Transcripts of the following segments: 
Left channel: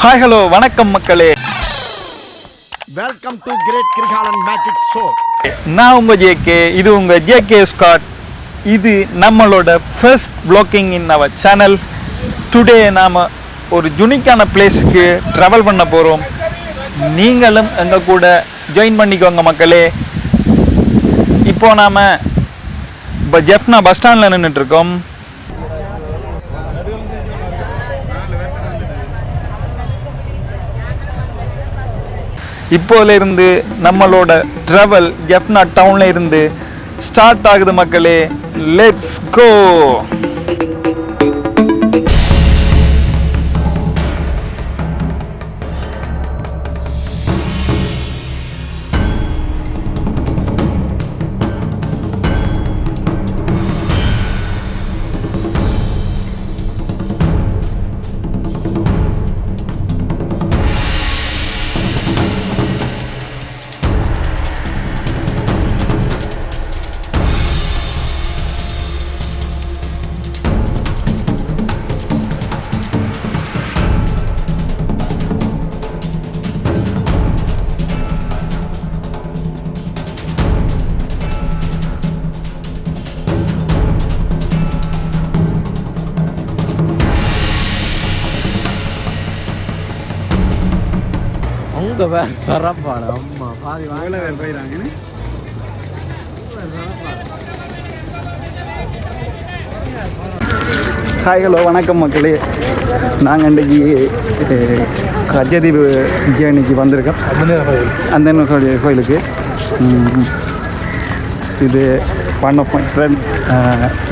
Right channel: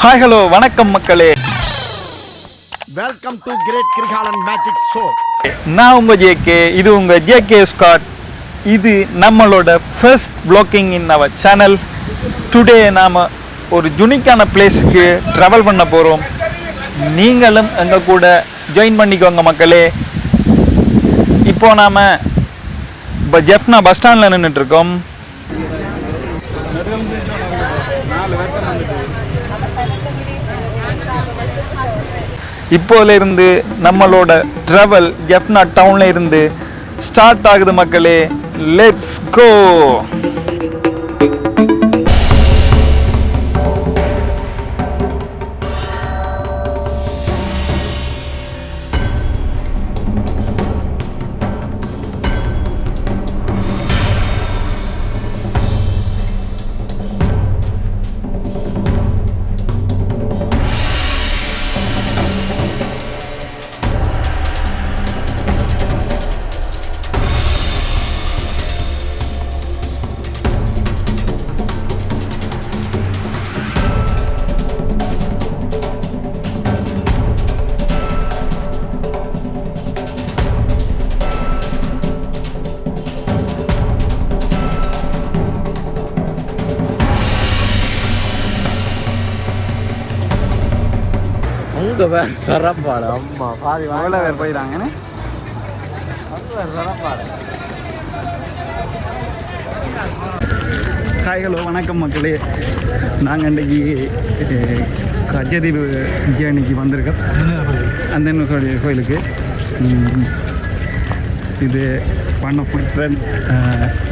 Hi hello வணக்கம் மக்களே. Welcome to great Kirikalan magic show நான் உங்கள் ஜேகே இது உங்கள் ஜேகே ஸ்காட் இது நம்மளோட ஃபர்ஸ்ட் ப்ளாக்கிங் இன் அவர் சேனல் டுடே நாம் ஒரு யுனிக்கான பிளேஸுக்கு ட்ராவல் பண்ண போகிறோம் நீங்களும் எங்கள் கூட ஜாயின் பண்ணிக்கோங்க மக்களே. இப்போ நாம் இப்போ ஜெஃப்னா பஸ் ஸ்டாண்டில் நின்றுட்டுருக்கோம் இப்போதிலிருந்து நம்மளோட ட்ராவல் எஃப்னா டவுனில் இருந்து ஸ்டார்ட் ஆகுது மக்களே. லெட்ஸ் கோ சரப்பாடு அம்மா பாதி வாங்க. பேர் போயிடாங்கன்னு ஹாய் ஹலோ வணக்கம் மக்களே. நாங்கள் இன்றைக்கி கஜதீவு ஜேர்னிக்கு வந்திருக்கோம். அந்த கோயில் கோயிலுக்கு. ம், இது ஒன் ஆஃப் மை ஃப்ரெண்ட்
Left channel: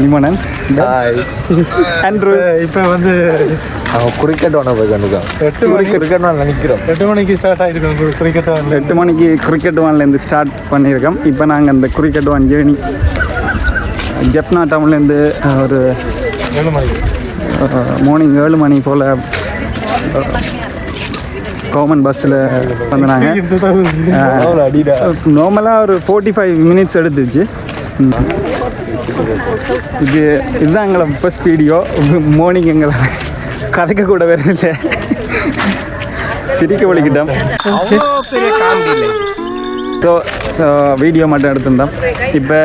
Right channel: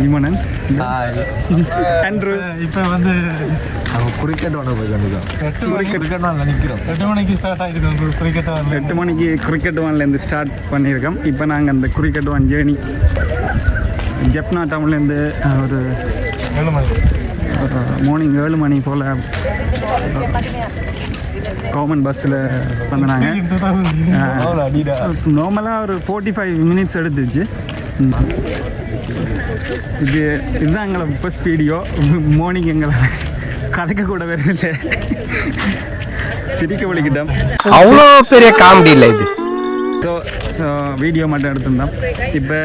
நிமனன் ஆண்ட்ரூ இப்போ வந்து கிரிக்கெட் ஒன்று போய் கண்டுக்கோம் எட்டு மணிக்கு கிரிக்கெட் ஒன்று நினைக்கிறோம். எட்டு மணிக்கு ஸ்டார்ட் ஆகிருக்கு கிரிக்கெட் எட்டு மணிக்கு கிரிக்கெட் ஒன்லேருந்து ஸ்டார்ட் பண்ணியிருக்கோம். இப்போ நாங்கள் அந்த கிரிக்கெட் ஒன் ஜேர்னி ஜெப்னா டவுன்லேருந்து ஒரு ஏழு மணிக்கு மார்னிங் ஏழு மணி போல் கவர்மெண்ட் பஸ்ஸில் வந்தாங்க. நார்மலாக ஒரு ஃபோர்ட்டி ஃபைவ் மினிட்ஸ் எடுத்துச்சு. இது இதுதான் எங்களை ஃபஸ்ட் வீடியோ மார்னிங் எங்களை கதைக்க கூட வேற இல்லை. சிரிக்க வலிக்கிட்டோம் அவ்வளோ பெரிய காமெடி இல்லை இது. ஸோ ஸோ வீடியோ மட்டும் எடுத்திருந்தோம். இப்போ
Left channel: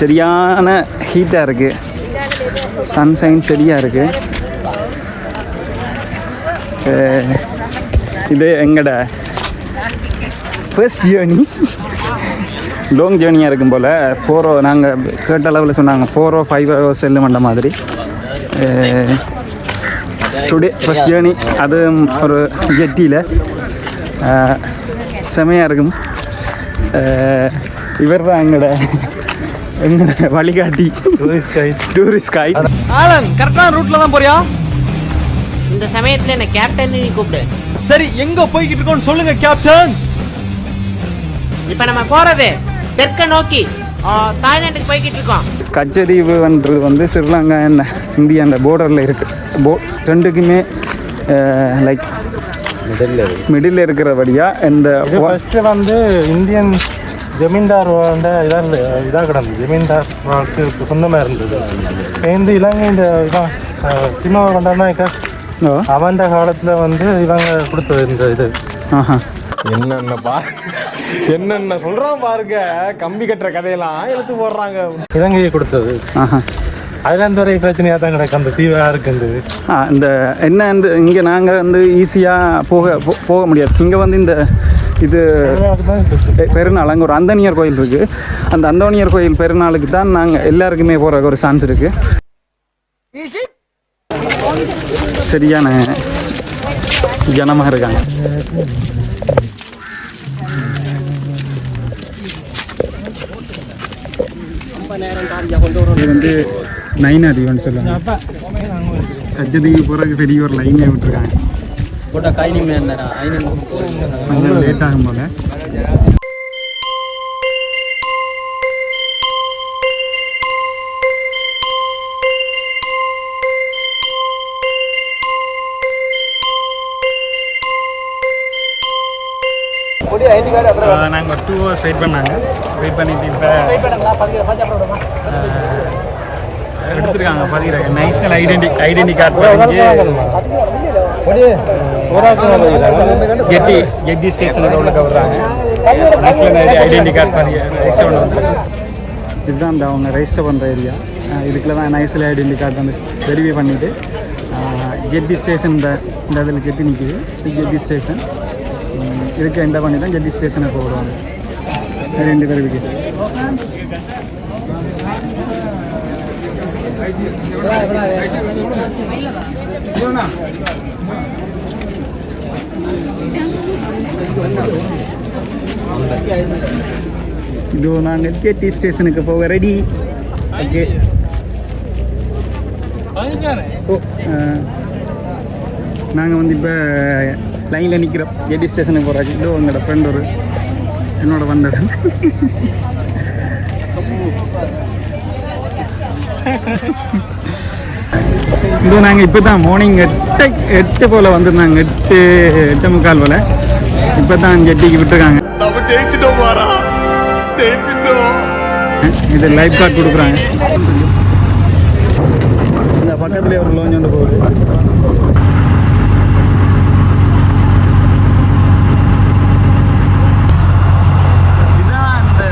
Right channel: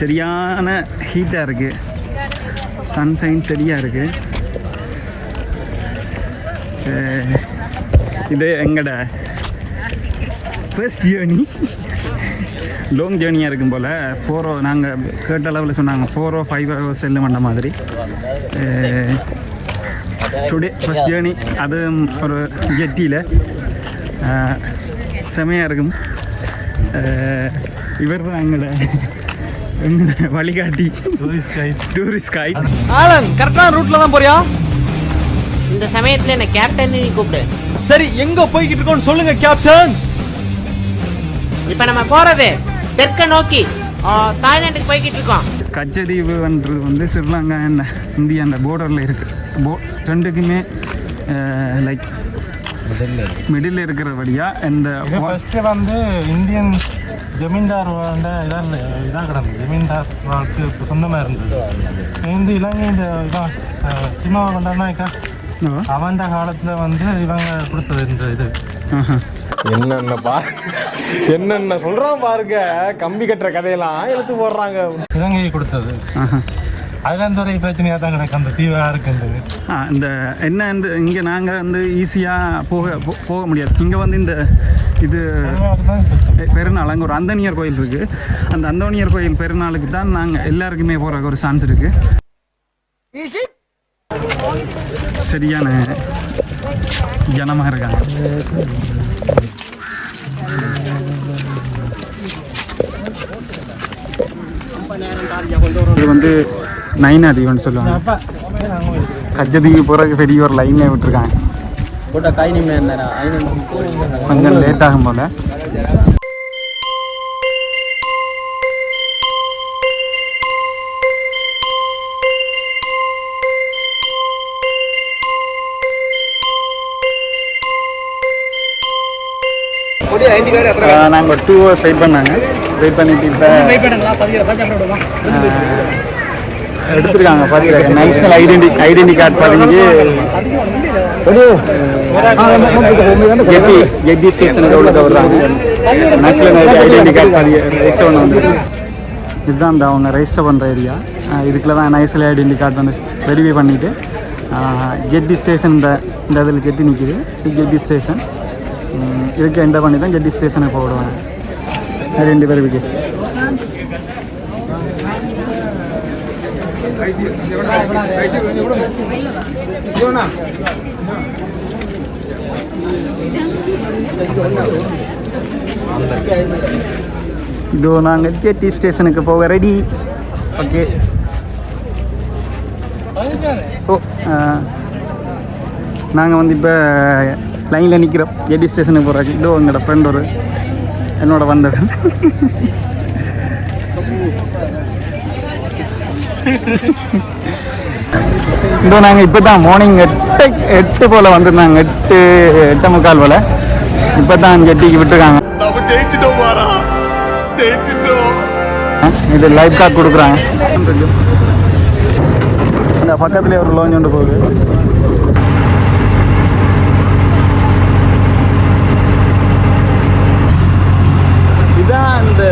சரியான ஹீட்டாக இருக்குது சன்ஷைன் சரியாக இருக்குது இது எங்கட? ஃபர்ஸ்ட் ஜேர்னி லாங் ஜேர்னியாக இருக்கும் போல். ஃபோரோ நாங்கள் கேட்ட அளவில் சொன்னாங்க. ஃபோரோ ஃபைவ் ஹவர்ஸ் செல்லு மண்ட மாதிரி. டுடே ஃபர்ஸ்ட் ஜேர்னி அது ஒரு ஜெட்டியில் செமையாக இருக்கும் இவர் தான் எங்களோட எங்களோட வழிகாட்டி tourist guide tourist guide Alan கரெக்டான ரூட்ல தான் போறியா இந்த சமயத்துல என்ன கேப்டன் நீ கூப்பிடு. சரி எங்க போய்கிட்டு இருக்கோம்னு சொல்லுங்க கேப்டன் இப்ப நம்ம போறது தெற்க நோக்கி. ஆ, தாய்லாந்துக்கு போய்கிட்டு இருக்கோம். கச்சதீவுன்றது வந்து ஸ்ரீலங்கா என்ன இந்தியாண்ட போர்டரில் இருக்குது போ ரெண்டுக்குமே லைக் மிடில் இருக்கிறபடியாக இந்த ஃபர்ஸ்ட் வந்து இந்தியன் ஜமீன்தார் வந்து இதாக இதாக கிடந்தது. ஜமீன்தார் வாக்கு சொந்தமாக இருந்தது. சேர்ந்து இலங்கை இந்த இதான் சினிமா கொண்டாடினாக்க அவன் காலத்தில் வந்து இவங்க கொடுத்தது இந்த இது. என்னென்ன பா என்னென்ன சொல்றான் பாருங்க. கம்பி கட்டுற கதையெல்லாம் இழுத்து போடுறாங்க. இலங்கையை கொடுத்தது. ஆஹா. அதுலேருந்து வரை பிரச்சனையாக தான் கிடக்கு. அந்த தீவு யாருக்குன்றது ஆ இந்த என்ன இந்த இங்கே நாங்கள் வந்து ஈஸியாக போக போ- போக முடியாது. இங்கே வந்து இந்த இது பெ- பெருநாள் அங்கே ஒரு அந்தனியர் கோயில் இருக்குது அந்த அந்தோனியர் கோயில் பெருநாளுக்கு தான் நாங்கள் எல்லாருக்குமே போகிற ஒரு சான்ஸ் இருக்குது சரியான ஜனமாக இருக்காங்க இது வந்து நைனா தீவுன்னு சொல்லுவாங்க. கஜதீவு போகிறதுக்கு பெரிய ஒரு லைனே விட்டுருக்காங்க. கொஞ்சம் லேட் ஆகும் போல. நாங்கள் ஒரு டூ ஹவர்ஸ் வெயிட் பண்ணாங்க. வெயிட் பண்ணிட்டு இப்போ எடுத்துருக்காங்க பதிகிற நேஷனல் ஐடென்டி ஐடென்டி கார்டு பதிஞ்சு ஜெட்டி ஜெட்டி ஸ்டேஷனுக்கு உள்ள விடுறாங்க நேஷனல் ஐடென்டி கார்டு பதி ரெஜிஸ்டர் பண்ண வந்துருக்கு. இதுதான் இந்த அவங்க ரெஜிஸ்டர் பண்ணுற ஏரியா இதுக்குள்ள தான் நேஷனல் ஐடென்டி கார்டு வந்து வெரிஃபை பண்ணிவிட்டு ஜெட்டி ஸ்டேஷன் இந்த இந்த இதில் ஜெட்டி நிற்கிது ஜெட்டி ஸ்டேஷன் இதுக்கு என்டர் பண்ணி தான் ஜெட்டி ஸ்டேஷனுக்கு போடுவாங்க ரெண்டு வெரிஃபிகேஷன் இதோ நாங்கள் ஜெட்டி ஸ்டேஷனுக்கு போக ரெடி ஓகே ஓ நாங்கள் வந்து இப்போ லைனில் நிற்கிறோம் ஜெட்டி ஸ்டேஷனுக்கு போகிறதுக்கு இதோ எங்களோட ஃப்ரெண்ட் ஒரு என்னோட வந்தது இதோ நாங்கள் இப்போ தான் மார்னிங் எட்டு எட்டு போல் வந்திருந்தாங்க. எட்டு எட்டு முக்கால் போல். இப்போ தான் விட்டுருக்காங்க. ஜெயிச்சிட்டோம் மாறா. ஜெயிச்சிட்டோம். இது லைஃப் கார்டு கொடுக்குறாங்க. இந்த பக்கத்துலேயே ஒரு லோஞ்ச் ஒன்று போகுது. இதுதான் அந்த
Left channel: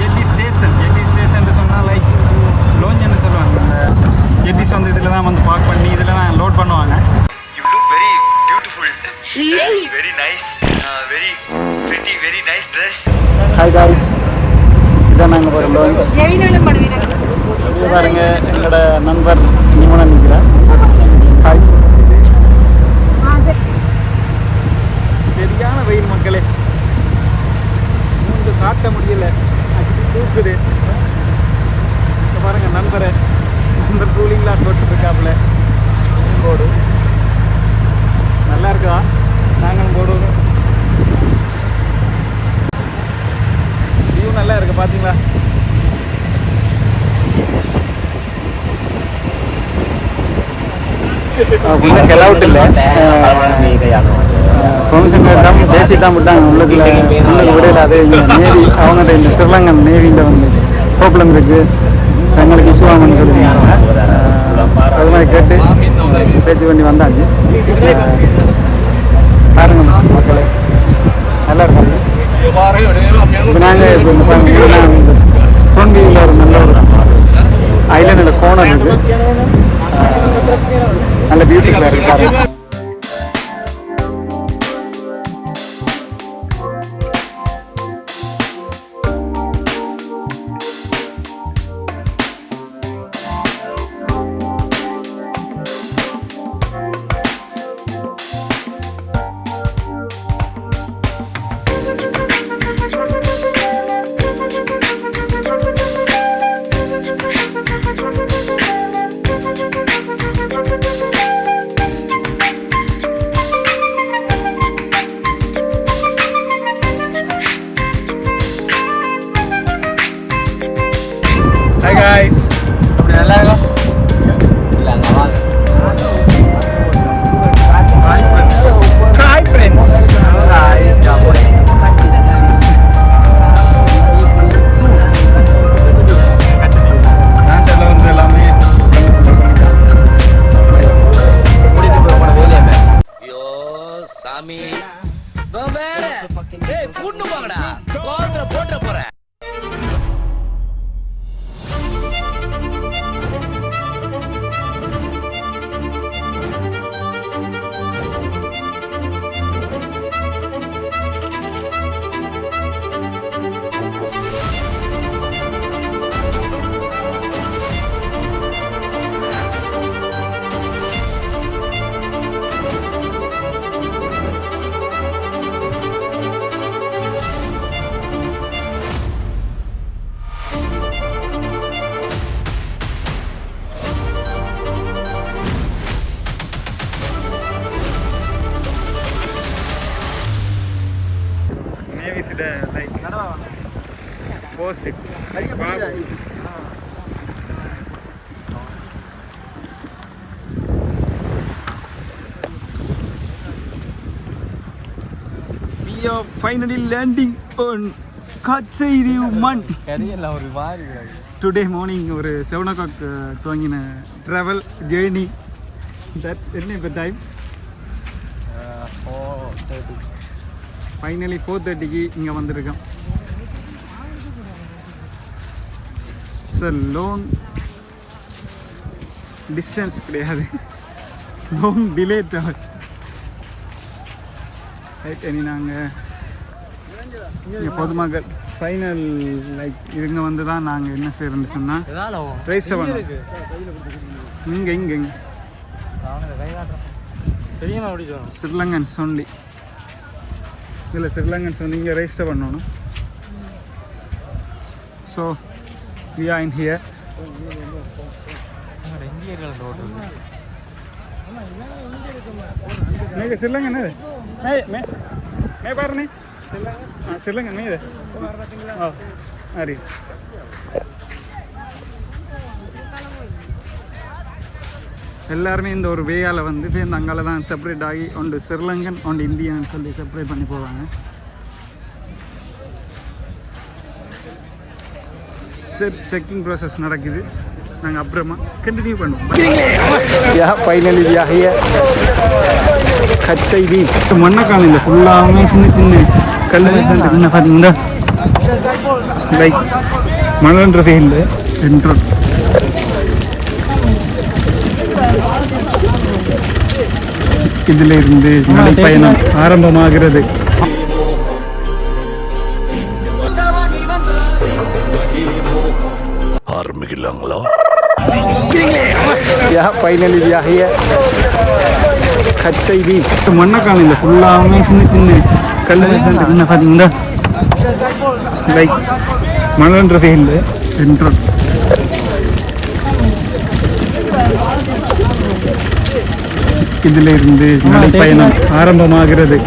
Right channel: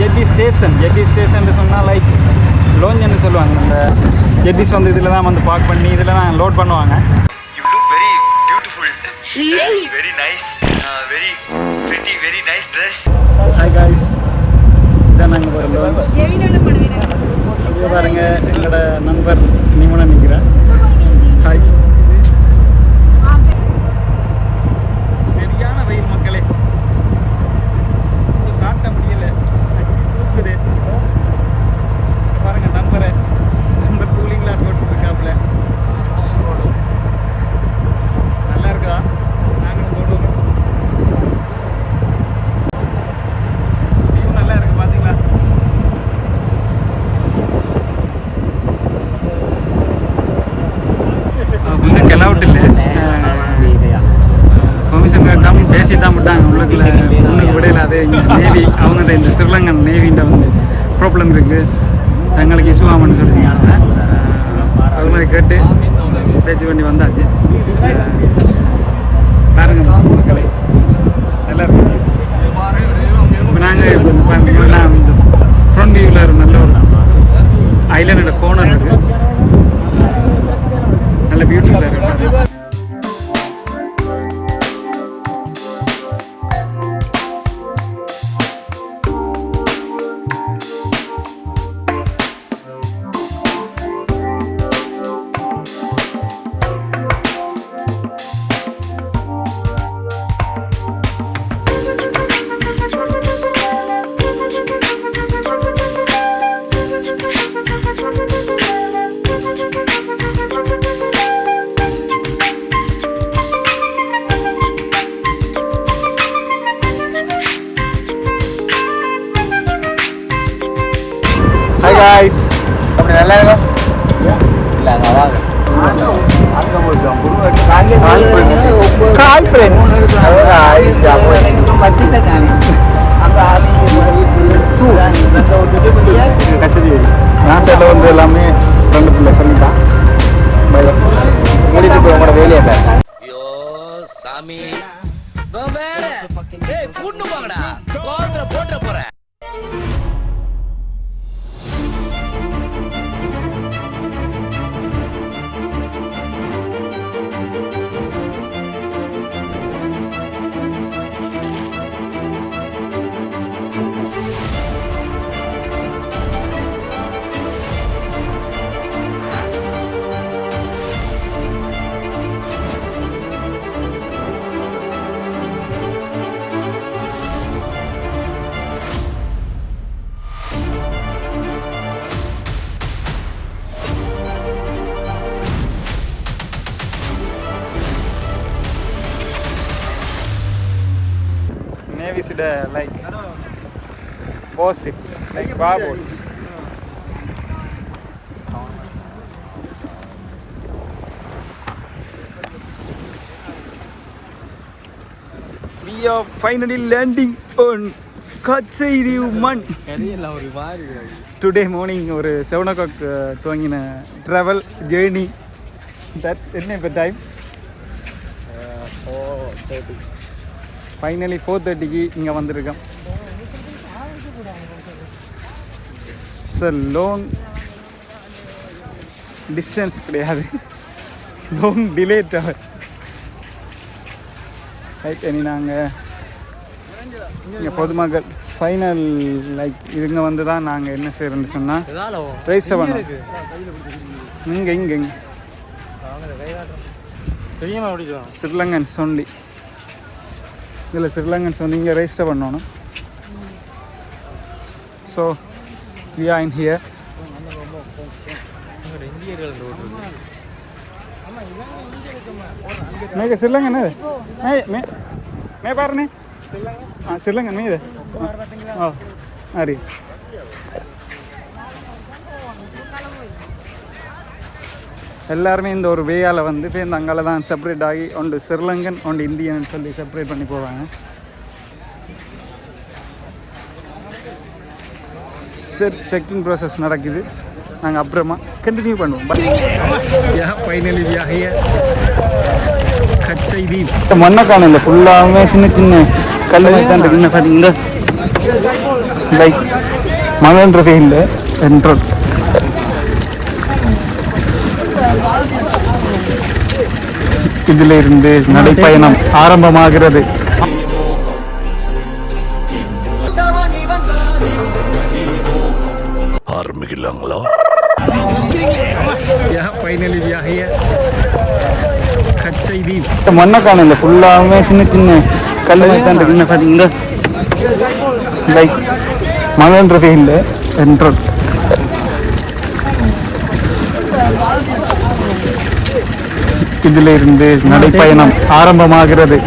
ஜெட்டி ஸ்டேஷன் ஜெட்டி ஸ்டேஷன் சொன்னால் லைக் லோஞ்சுன்னு சொல்லுவாங்க. இந்த ஜெட்டிஸ் வந்து இதில் தான் வந்து பார்க் பண்ணி இதில் தான் லோட் பண்ணுவாங்க. Beautiful. very nice. Uh, very pretty. Very nice dress. Hi guys இதான் நாங்கள் பாருங்க எங்களோட நண்பர் நிமனா நிற்கிறேன் ஹாய் சரியான வெயில் மக்களே. காட்ட முடியல. தூக்குது. பாருங்க நண்பர். அந்த கூலிங் கிளாஸ் போட்டுருக்காப்புல போடு நல்லா இருக்கா? நாங்கள் போடுவோம். வியூ நல்லா இருக்கு பாத்தீங்களா? இன்னும் கெலவுட் இல்லை. பெர்மிஷன் கேட்டால் பேசி தான் விட்டாங்க உள்ளுக்குள்ள உள்ளுக்கு விடல அது இங்கே நேவி அவங்க இந்த ஸ்ரீலங்கன் நேவின்ற வந்து ப்ராப்ளம் இருக்குது தங்களுக்கு இஷ்யூ ஆகும்னு சொல்லியிருக்காங்க அது மாதிரி கேட்டு பேச்சு பண்ணி வந்தாச்சு. பாருங்க மக்களே நல்லா இருக்கும் இப்போ நாங்கள் இப்போ இந்த ஃப்ரண்ட் வியூவில் ஒரு நல்ல ஒரு ஐலண்டில் கோணம் இருக்குது நல்ல பியூட்டிஃபுல்லாக இருக்குது பாருங்கள் காய்ஸ் அப்படி நல்லா இருக்கும் இல்லை அங்கே வாங்க காய் ஃப்ரெண்ட்ஸ் நாட்டில் வந்து எல்லாமே ஃப்ரெண்டு பிள்ளை சொல்லிட்டான் மூடிட்டு போய் உங்களோட வேலையை boats. We are finally landing on Katsaidiv Man. Today morning ஒரு செவன் ஓ கிளாக் துவங்கின ட்ராவல் ஜேர்னி தட்ஸ் என்ன இப்போ டைம் ஃபைனலி ஃபோர் தேர்ட்டிக்கு இங்கே வந்திருக்கோம் சார் லோங் டிஸ்டன்ஸ் கிடையாது. லாங் டிலே டவர் ரைட் இனி நாங்கள் இங்கே பொதுமக்கள். ஃபைனல் லைக் இதுங்க வந்து தான் நாங்கள் என்ன செய்கிறோன்னு சொன்னால் ரெஜிஸ்டர் பண்ணோம் இங்கே இங்கே இங்கே. ஸ்ரீலங்கன் சொண்டி. இதில் ஸ்ரீலங்கன் வந்து இங்கே ரெஜிஸ்டர் பண்ணணும் so we are in here මේක සිල්ලඟ නේද මේ මේ මේ පාරනේ ආ සිල්ලඟ නේද ආ හරි எல்லாருமே இந்த ஒரு வேயால் வந்து பேருந்து அங்கால தான் செப்பரேட் ஆகி ஒன்று ஸ்ரீலங்கன் ஒன்று இந்தியன் சொல்லி செப்பரேட் பண்ணி போவாங்க சரி செக்கிங் ப்ராசஸ் நடக்குது. நாங்கள் அப்புறமா கண்டினியூ பண்ணுவோம். யா ஃபைனலி வியாகிய கச்சைதி மண்ணக்கான இல்லை ஃபுல்லாகவே சின்ன சின்ன கல் தான் இருக்கு. இந்த லைக் மழைன்றதே இல்லை. என்றால் இதில் இருந்து நடைப்பயணம் ஆரம்பமாகிறது. ஆரம்பிக்கலாங்களா? யா ஃபைனலி வியாகிய கச்சைதி மண்ணக்கான இல்லை ஃபுல்லாகவே சின்ன சின்ன கல் தான் இருக்கு இந்த பாரு, இந்த லைக் மழைன்றதே இல்லை என்றால். இதில் இருந்து நடைப்பயணம் ஆரம்பமாகிறது.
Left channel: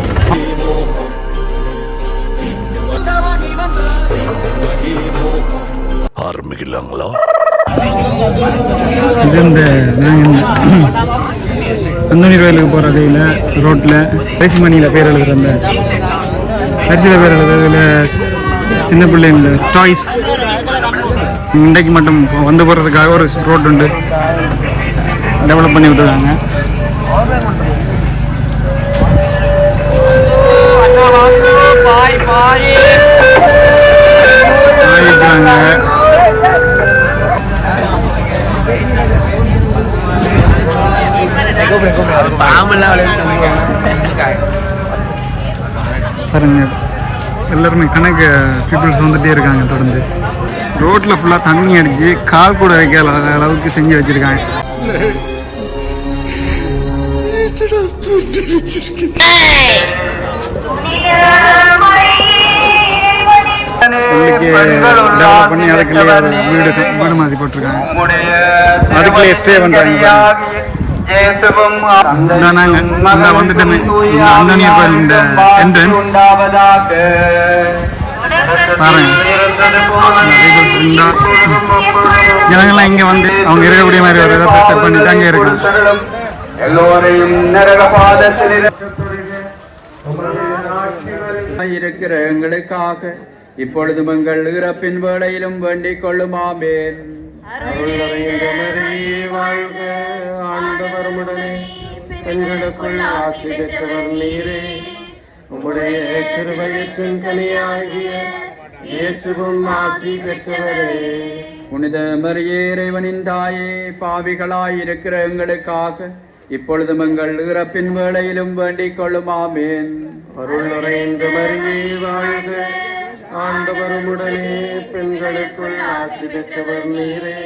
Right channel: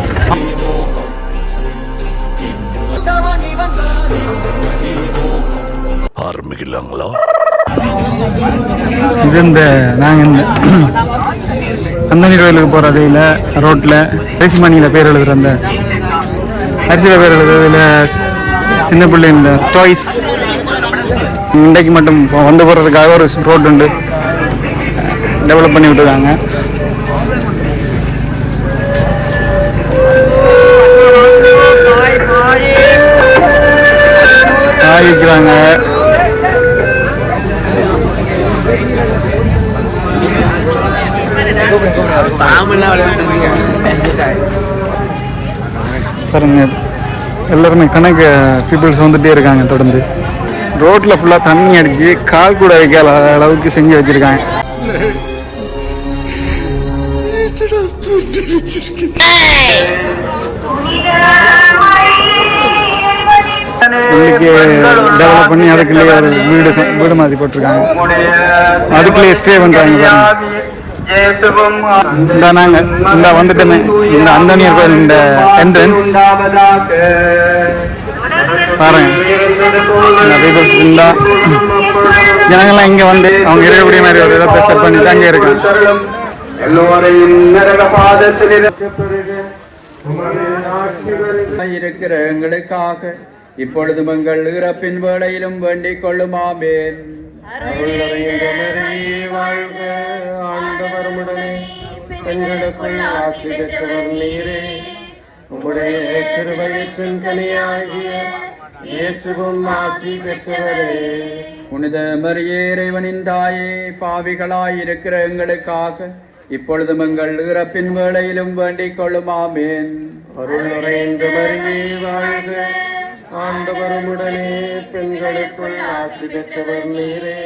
அந்தனி கோயிலுக்கு போகிற வழியில் ரோட்டில் அரிசி மணியில் பேர் எழுதுகிற அந்த அரிசியில் பேர் எழுதுறதுல சின்ன பிள்ளைங்க டாய்ஸ் இன்றைக்கு மட்டும் வந்து போகிறதுக்காக ஒரு ரோட் உண்டு. டெவலப் பண்ணி விட்டுருக்காங்க. காய் பாருங்க எல்லாருமே கணக்கு பீப்புள்ஸ் வந்துட்டே இருக்காங்க தொடர்ந்து. ரோட்டில் ஃபுல்லாக தண்ணி அடிச்சு கால் கூட வைக்காத அளவுக்கு செஞ்சு வச்சுருக்காங்க. டெவலப் பண்ணி அதுக்குள்ளேயே வீடு வீடு மாதிரி போட்டிருக்காங்க. அதுக்குள்ளேயே ஸ்டே பண்ணுறாங்க பாருங்க. இந்த நாங்க இந்த வந்துட்டோமே. இந்த அந்தனியர் கோயில் இந்த என்ட்ரன்ஸ் பாருங்க. இந்த பீப்புள்ஸ் இந்த ஜனங்கள்லாம் இங்கே வந்து அவங்க இருக்கக்கூடிய மாதிரி ஒரு இடத்தை செட் பண்ணிட்டு அங்கே இருக்காங்க. இருக்கிற எங்களுக்காக இப்பொழுதும் எங்கள் இறப்பின் வேளையிலும் வேண்டிக் கொள்ளுமாமேன் வாழ்க. ஆண்டவருடனே பெண்களுக்குள் ஆசி பெற்றவர் நீரே. உம்முடைய திருவயத்தின் கனியாகிய இயேசுவும் ஆசி பெற்றவரே. புனித மரியே இறைவனின் தாயே பாவிகளாய் இருக்கிற எங்களுக்காக இப்பொழுதும் எங்கள் இறப்பின் வேளையிலும் வேண்டிக் கொள்ளுமாமேன். அருள் நிறைந்த மரியே வாழ்க. ஆண்டவருமுடனே பெண்களுக்குள் ஆசி பெற்றவர் நீரே.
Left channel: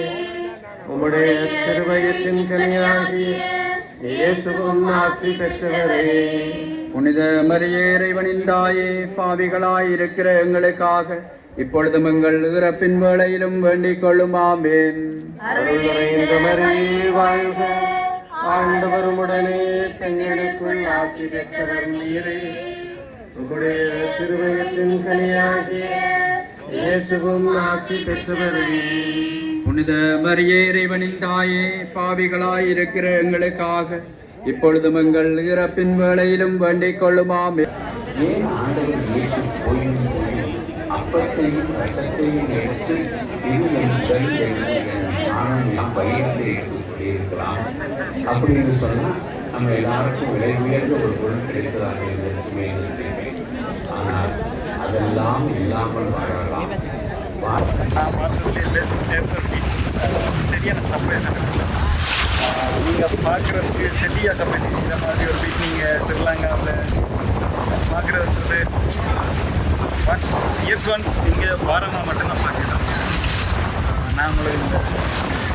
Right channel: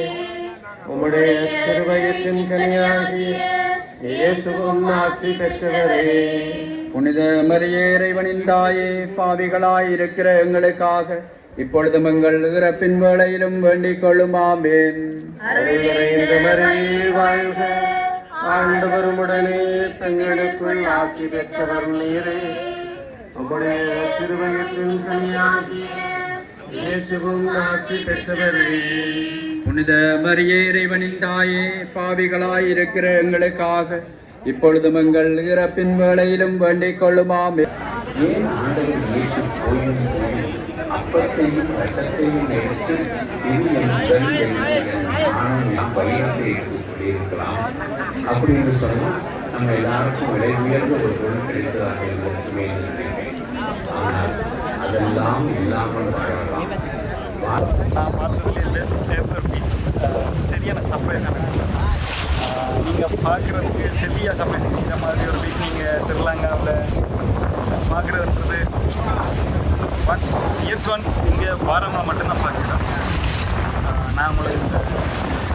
உம்முடைய திருவயத்தின் கனியாகிய இயேசுவும் ஆசி பெற்றவரே. புனித மரியே இறைவனின் தாயே பாவிகளாய் இருக்கிற எங்களுக்காக இப்பொழுதும் எங்கள் இறப்பின் வேளையிலும் வேண்டிக் நிறைந்த மரியே வாழ்க. ஆண்டவருமுடனே பெண்களுக்குள் ஆசி பெற்றவர் நீரே. உம்முடைய திருவயத்தின் கனியாகிய இயேசுவும் ஆசி பெற்றவரே புனித மரியே இறைவனின் தாயே பாவிகளாய் இருக்கிற எங்களுக்காக இப்பொழுதும் எங்கள் இறப்பின் வேளையிலும் வேண்டிக் கொள்ளுமாம். ஏன் ஆண்டவர் இயேசு போயும் போயும் அப்பத்தையும் ரசத்தையும் எடுத்து இது எடுத்து சொல்லியிருக்கலாம் அப்படின்னு சொன்னா நம்ம எல்லாருக்கும் விலை உயர்ந்த ஒரு பொருள் ஆனால் அதெல்லாம் இல்லாமல் வாழலாம். நான் பார்த்ததுலேயே பெஸ்ட் ஏப்ரல் பீச் சரியான சர்ப்ரைஸ் எனக்கு நீங்கள் பார்க்குறதுக்கு சரியாக சர்ப்ரைஸ் இந்த மாதிரி ஒரு பீச் நீங்கள் ஸ்ரீலங்காவில் பார்க்குறது ஒன்ஸ் இயர்ஸ் ஒன்ஸ் நீங்கள் வாரமாக மட்டும்தான் பார்க்கலாம் நான் உங்களுக்கு இந்த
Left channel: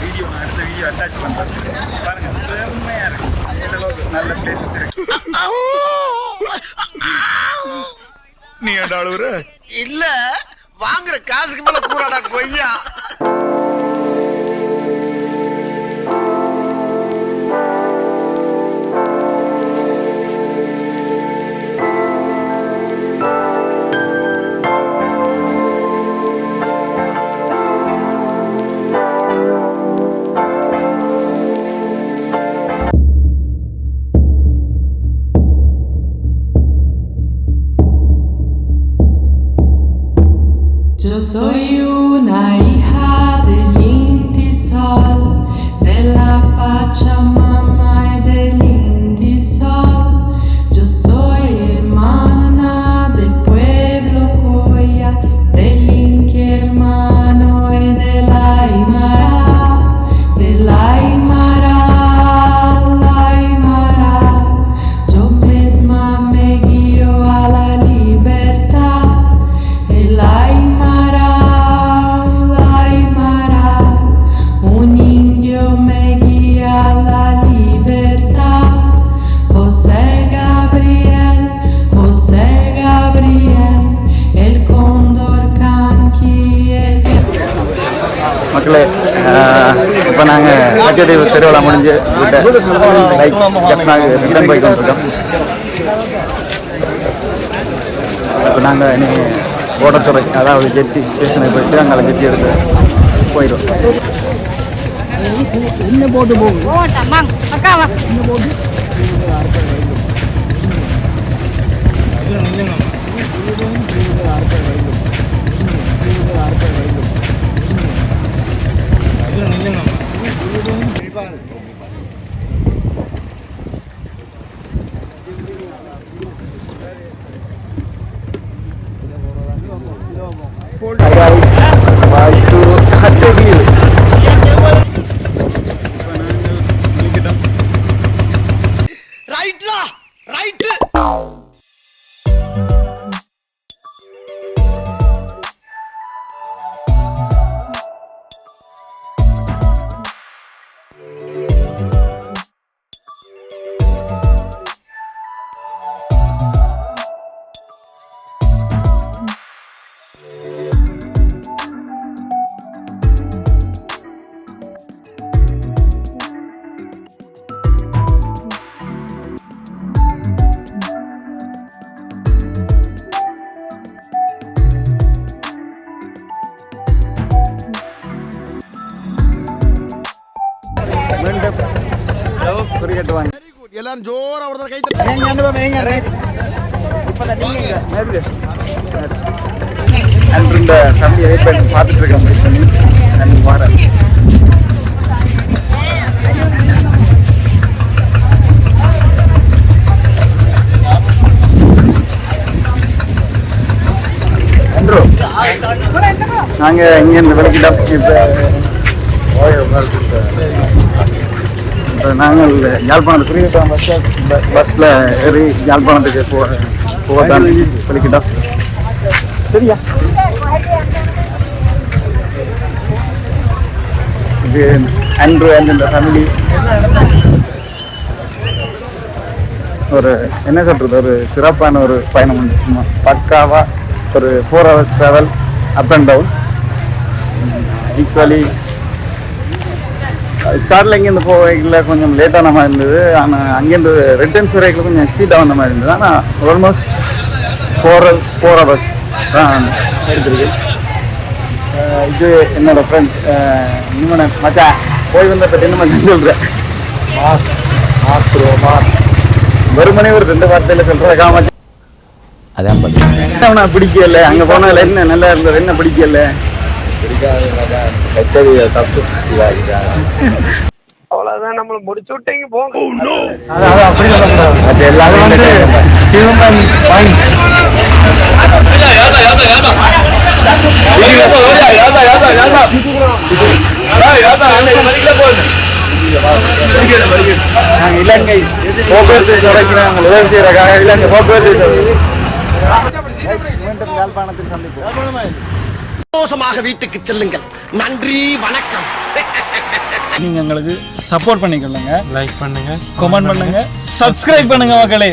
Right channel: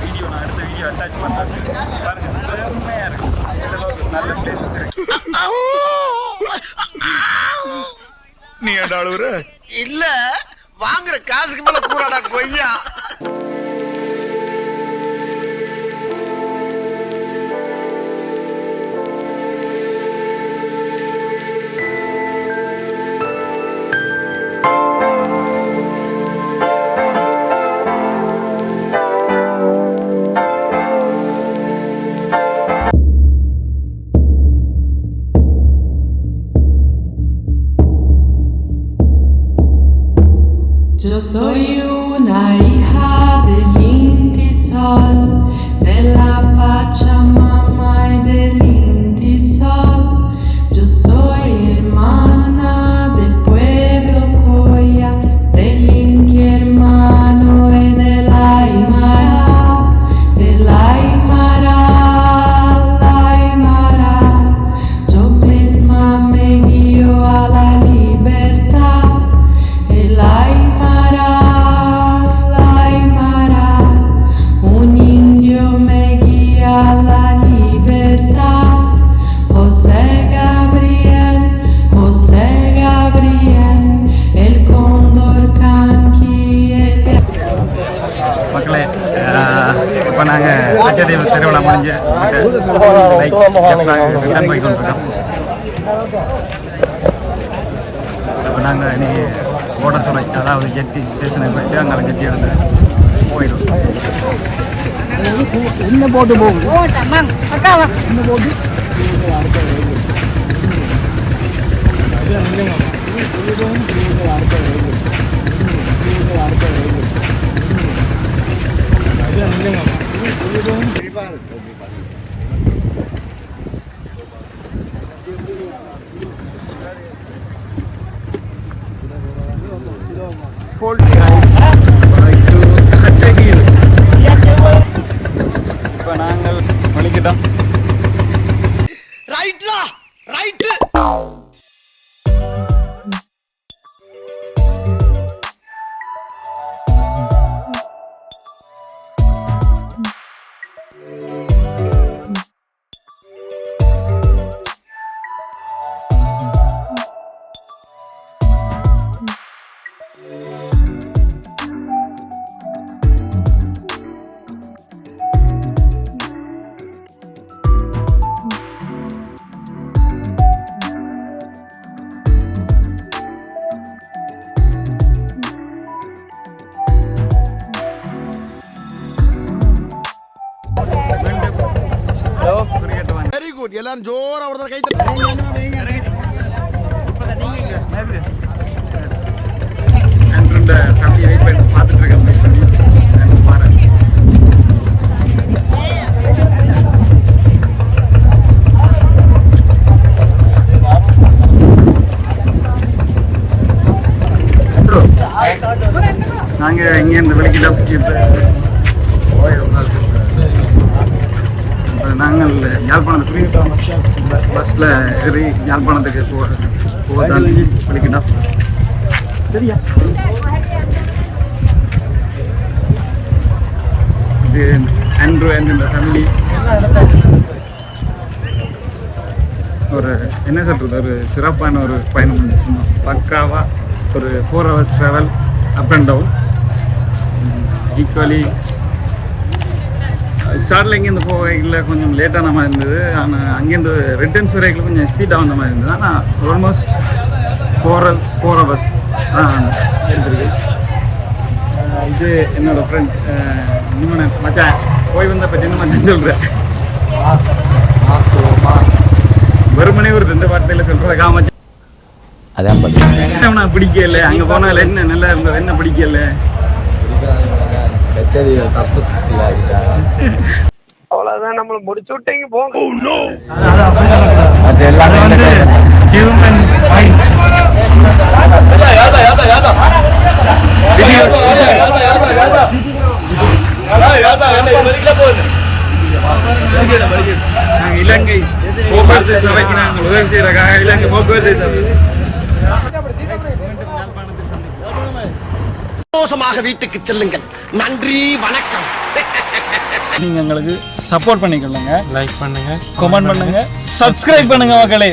வீடியோ நான் அடுத்த வீடியோ அட்டாச் பண்ணுறேன் பாருங்கள் செம்மையாக இருக்கு இந்த அளவுக்கு நல்ல பிளேசஸ் இருக்கு நீ அழுவுற? இல்ல. வாங்குற காசுக்கு மேல கூறாடா கொய்யா. Yo soy una hija del Inti Sol, de la Pachamama மக்களே இப்போ நாங்கள் கச்சதீவு திருவிழா முடிஞ்சு விட்ட லைக் ஜப்னாக்கு ரிட்டர்ன் போய் கொண்டிருக்கோம். இப்போ நாங்கள் இனி ஓடத்துறை அதாவது ஜெட்டி ஸ்டேஷனுக்கு போயிட்டு அங்கே ஜெட்டி எடுத்து 있는 건가? 이건 일반 எல்லாரும் ஜோரா ஒரு கை அன்று இந்த ஃபேமிலியை வெயிட் பண்ணி பார்த்துட்டு இருக்கேன் வெயிட் பண்ணி அண்ட் வரேன். நாங்கள் இங்கேருந்து விளக்கிட்டோம் இப்போ இப்போ நாங்கள் யாழ்ப்பாணத்து குறிப்பிட்ட பஸ் பஸ்ஸில் ஏறி யாழ்ப்பாணத்துக்கு போ போகத்தான் விளக்கிட்டோம் சரியா? இது ஆண்ட்ரூ அண்ட் இந்த ஃபேமிலி ஒரு என்ன சொல்கிறது ஒரு சிறப்பான ஒரு பயணம் உண்டு. சும்மா பக்காவாக ஒரு four hours travel up and down equally ஸ்டார்டில் இங்கேருந்து போகையில் கொஞ்சம் லேட்டான மாதிரி இருந்தது. ஆனால் அங்கேருந்து ரிட்டர்ன்ஸ் வரைக்கும் கொஞ்சம் ஸ்பீடாக வந்த மாதிரி இருந்தது. ஆனால் ஆல்மோஸ்ட் ஃபோர் ஃபோர் ஹவர்ஸ் தான் எடுத்திருக்கு. இது என்னோட ஃப்ரெண்ட் நிமனன் மச்சான் போய் வந்த பற்றி என்ன மச்சான் சொல்கிறேன் மாஸ் மாஸ் ப்ரோ மாஸ். வெறுமனே ஒரு ரெண்டு வார்த்தையில் சொல்கிறதா மச்சான் அதான் உனக்கு பிடிக்கல? அங்கே போனால என்ன நல்லா இருந்தது? என்ன பிடிக்கல? கச்சேரி தப்பு அவ்வளவுதான் நம்மள முடிச்சு விட்டீங்க போங்க அது அது அப்படி சொல்லக்கூடாது அது அது எல்லாமே வந்து ஹியூமன் மைண்ட்ஸ் நாங்கள் இலங்கை போக்குவரத்து சபைக்கு நாங்கள் உதவி செய்யறதுக்காக இலங்கை போக்குவரத்து சபை. மீண்டும் யாழ்ப்பாணத்தில் சந்திப்போம். சந்தோஷமாக வீட்டுக்கு செல்லுங்கள். நன்றி வணக்கம். நீங்க எங்களுக்கு சப்போர்ட் பண்ணிக்கொள்ளுங்க. லைக் பண்ணுங்க கமெண்ட் பண்ணுங்க. சப்ஸ்கிரைப் பண்ணுங்க மக்களே.